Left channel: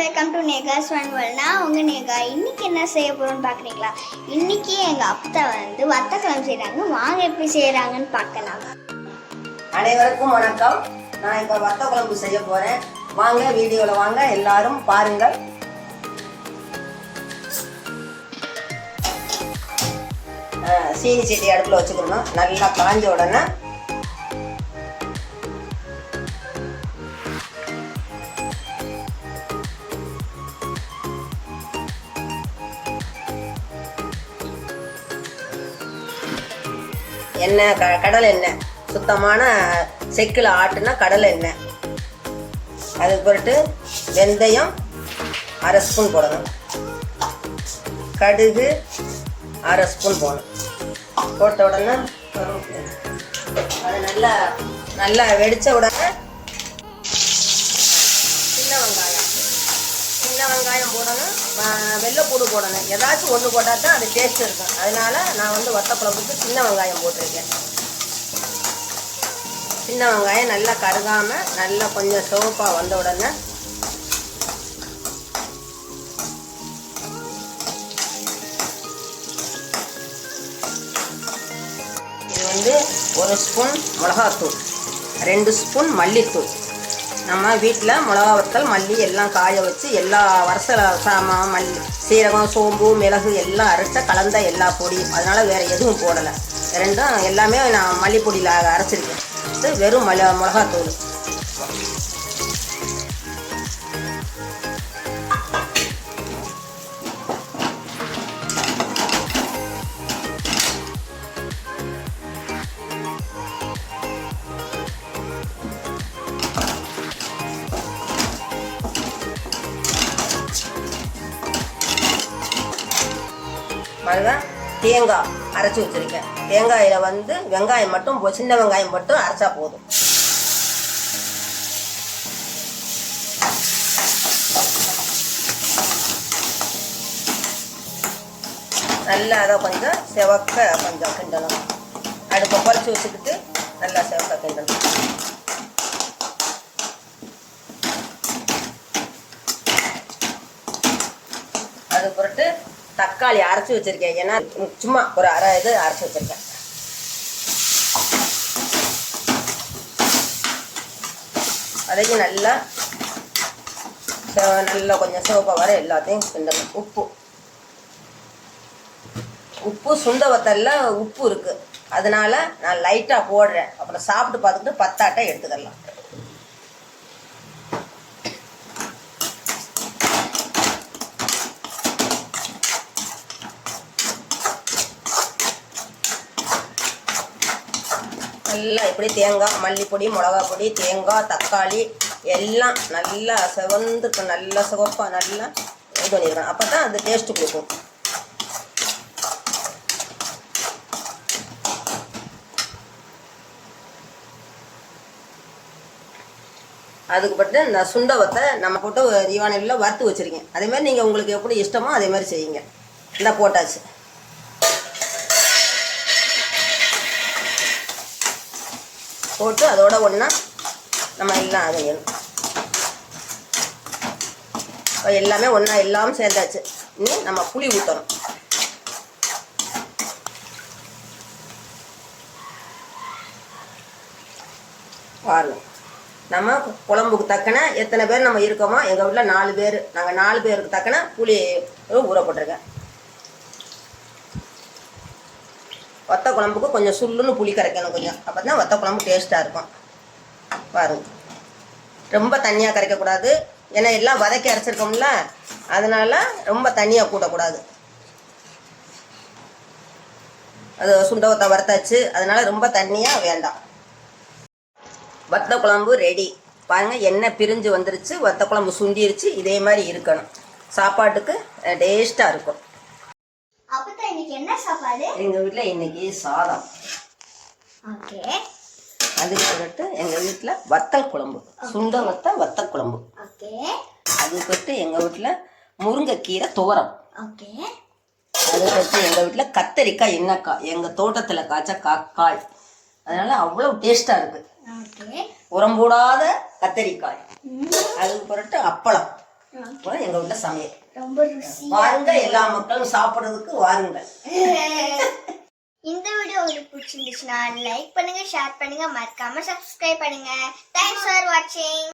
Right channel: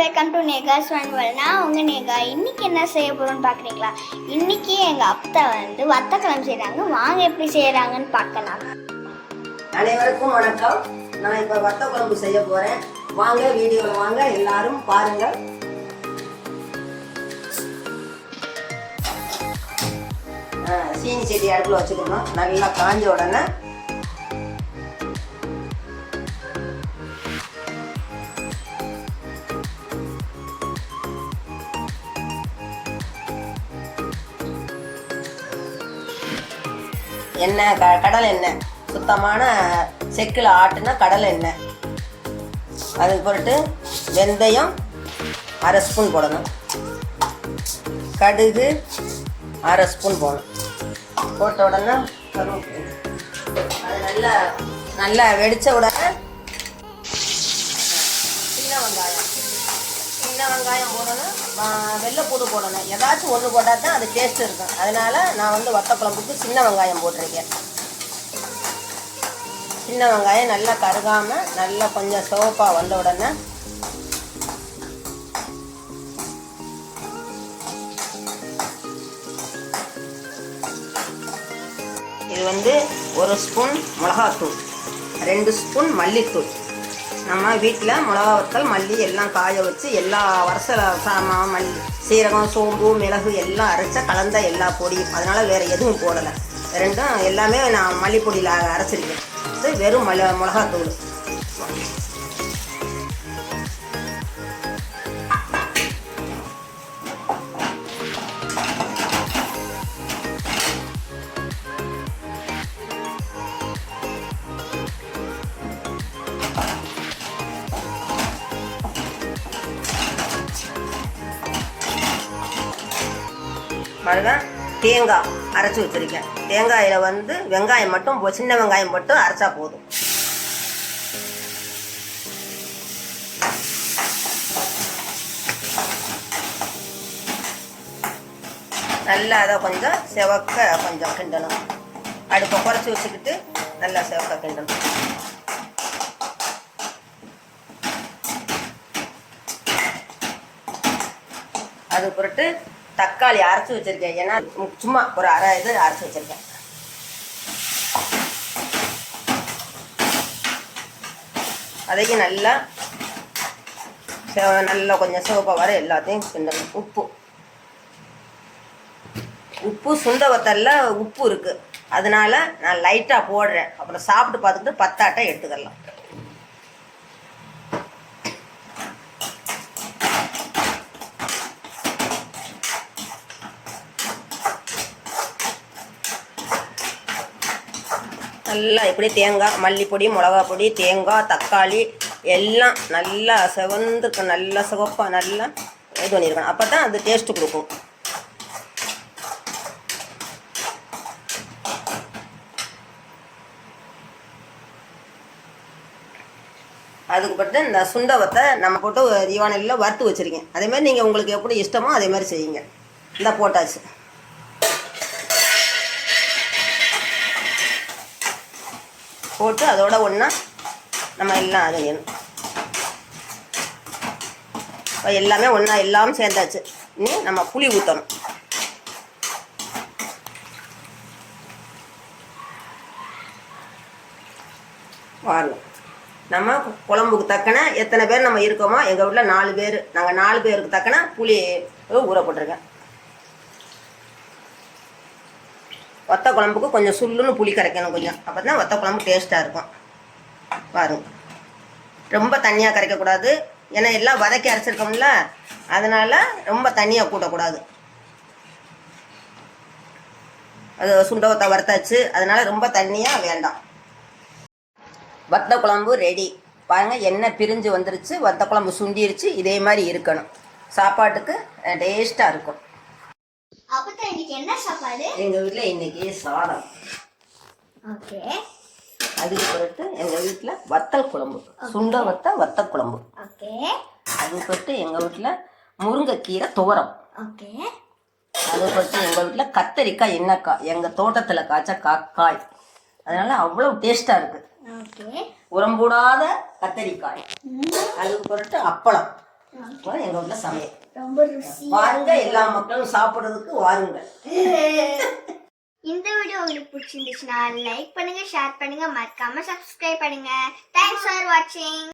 Welcome to நேகாஸ் world. நான் உங்கள் நேகா. இன்றைக்கி என்ன செய்ய போகிறோன்னு பார்க்குறீங்களா? இன்றைக்கி எங்கள் அப்பா வத்தக்குழம்பு செய்கிறாங்க. வாங்க எப்படி செய்கிறாங்கன்னு பார்க்கலாம். அனைவருக்கும் வணக்கம். நான் இப்போ வத்தக்குழம்பு செய்ய போகிறேன். வாங்க வீடியோவில் வாங்க, எல்லாரும் பாருங்கள். சீனி சீட்டி அடுப்பில் வச்சுக்கணும். நல்லா காஞ்ச உடனே எண்ணெய், கடலை எண்ணெய், சுத்தமான செக்கில் ஆட்டுனா கடலை எண்ணெய். அதுக்கு பிறகு வெந்தயம் அரை ஸ்பூன் போடணும். கடுகு அரை ஸ்பூன் போடணும். போட்ட உடனே அது நல்லா வெடித்த உடனே சின்ன வெங்காயம் போடணும். வெள்ளைப்பூடு போடணும். ஏதாச்சும் ஒன்று போட்டால் தான் அது டேஸ்ட் இருக்கும். அதனால நான் வத்தக்குழம்புக்கு சின்ன வெங்காயம் போட்டிருக்கேன். சின்ன வெங்காயம் நல்லா கருகாமல் நல்லா கொஞ்சம் சிவப்பாக வந்த உடனே இது 1 ஸ்பூன் மிளகாத்தூள், 2 ஸ்பூன் மல்லித்தூள். நம்ம வீட்டில் மிளகா வத்தல், மல்லி எல்லாம் காய வச்சு எல்லா வருஷ சாமான், மல்லி, சீரகம், சோம்பு, மிளகு எல்லாம் அரைச்ச கலந்த எல்லா பொடியும். அதனால் வேறு எதுவும் போடலை. ரெண்டும் எல்லாமே நான் மல்லிப்பொடியில் அரைச்சிருக்கேன். வெறும் மிளகாத்தூள். பாருங்க, தேங்காய் அரைச்சி வச்சுருக்கேன். தேங்காயில் வெங்காயம் மட்டும், சின்ன வெங்காயம் மட்டும் அரைச்சா போதும். நல்லா அதை கொஞ்சம் செவக்க கொஞ்சம் கிண்டணும். அடுப்பை குறைச்சி வச்சுக்கிட்டு நல்லா செவக்க கிண்டணும். அது பொறுத்து தக்காளி அரைச்சி வச்சுருக்கேன். ஏன்னா சும்மா ஒரு அரை இது அரைச்சி வச்சுருக்கேன். அதையும் நல்லா கொஞ்சம் சிவப்பாக வர எல்லாத்தையும் கிண்டணும். உப்பு சுண்ட வத்தல்ல உப்பு இருக்குது. அதனால நான் லைட்டாக போடுறேன். அப்புறம் சாப்பிட்டு பார்த்துக்கிட்டு பத்தாட்டை எடுத்துக்கலாம். நல்லா இப்படி தேங்காய், மல்லிப்பொடி, மிளகா பொடி, தேங்காய், தக்காளி எல்லாம் நல்லா செவந்துக்கு நல்லா சிவப்பாக நல்லா இது பண்ணியிருக்கேன். அப்போ தான் அது டேஸ்ட்டு கொடுக்கும். அதுக்கு பட்டு இந்த சுண்டவத்தை நம்ம போட்டு தீவானையில் வறுத்து வச்சுருக்கேன். அதேமாதிரி நீங்கள் உங்களுக்கு எப்படி இஷ்டமோ அதே மாதிரி செய்யுங்க. இந்த போட்டாச்சு. போட்டு அதோட ஒன்றா நம்ம எல்லாம் அது எல்லாமே ஒன்றா எல்லாம் சேர்ந்தாச்சு. இனி நம்ம புளி ஊற்றணும். வாரணும். நம்ம குழம்புக்கு தக்கன எத்தனை பேர் நம்ம இருக்கோமோ, எங்கள் வீட்டில் 4 பேர். நாங்கள் 4 பேருக்கு தக்கன புளி ஊற போட்டிருக்கேன். வத்த குழம்புக்கு கொஞ்சம் சுள்ளுன்னு புளி கரைக்கணும் கொஞ்சம். அப்போ தான் வத்த குழம்பு டேஸ்ட்டாக இருக்கும். பாருங்க, ரொம்ப தண்ணியாக கரைக்கக்கூடாது. ஏன்னா எல்லாம் வதக்கி அரைச்சிருக்கோம்ல, அதனால் ரொம்ப தண்ணியாக கூட்டக்கூடாது. அது சுண்டவத்தை வறுத்தாச்சு, அதனால் ரொம்ப தண்ணியாக வேண்டாம். வத்த குழம்பு ரெடி. பாருங்கள், எண்ணெய் பிரிஞ்சு வந்துருச்சு. வத்த குழம்பு சுண்டிருச்சு. இதே மாதிரி இருக்கணும். சாப்பாட்டுக்கு டேஸ்ட்டாக இருக்கும். அப்பதான் இன்னைக்கு என்ன சாப்பாடு? எங்கள் வீட்டில் இன்னைக்கு சாதம். ஓகே. அதுக்கு பிறகு எங்கள் வீட்டில் வத்தல் குழம்பு, சுண்ட வத்தல் குழம்பு. ஓகே. அதுக்கு பிறகு எங்கள் வீட்டில் முருங்கைக்கீரை துவரம். ஓகே. அதுக்கு பிறகு எங்கள் வீட்டில் கத்தரிக்காய் எண்ணெய்க்காய், எங்கள் தோட்டத்தில் காய்ச்ச காய். அதனால் அவ்வளோ டேஸ்ட்டாக இருக்குது. உரம் போடாத கத்தரிக்காய். அதுக்கு பிறகு அப்பளம். அப்புறம் எங்க வீட்டுல சமையல் ரொம்ப ருசியா வாருங்க, எல்லா மக்களும் சாப்பிடுறதுக்கு வாருங்க. இந்த வீடியோ உங்களுக்கு பிடிச்சிருந்துச்சுன்னா லைக் பண்ணுங்க, ஷேர் பண்ணுங்க, மறக்காம சப்ஸ்கிரைப் பண்ணுங்க. தேங்க்ஸ் ஃபார் வாட்சிங்.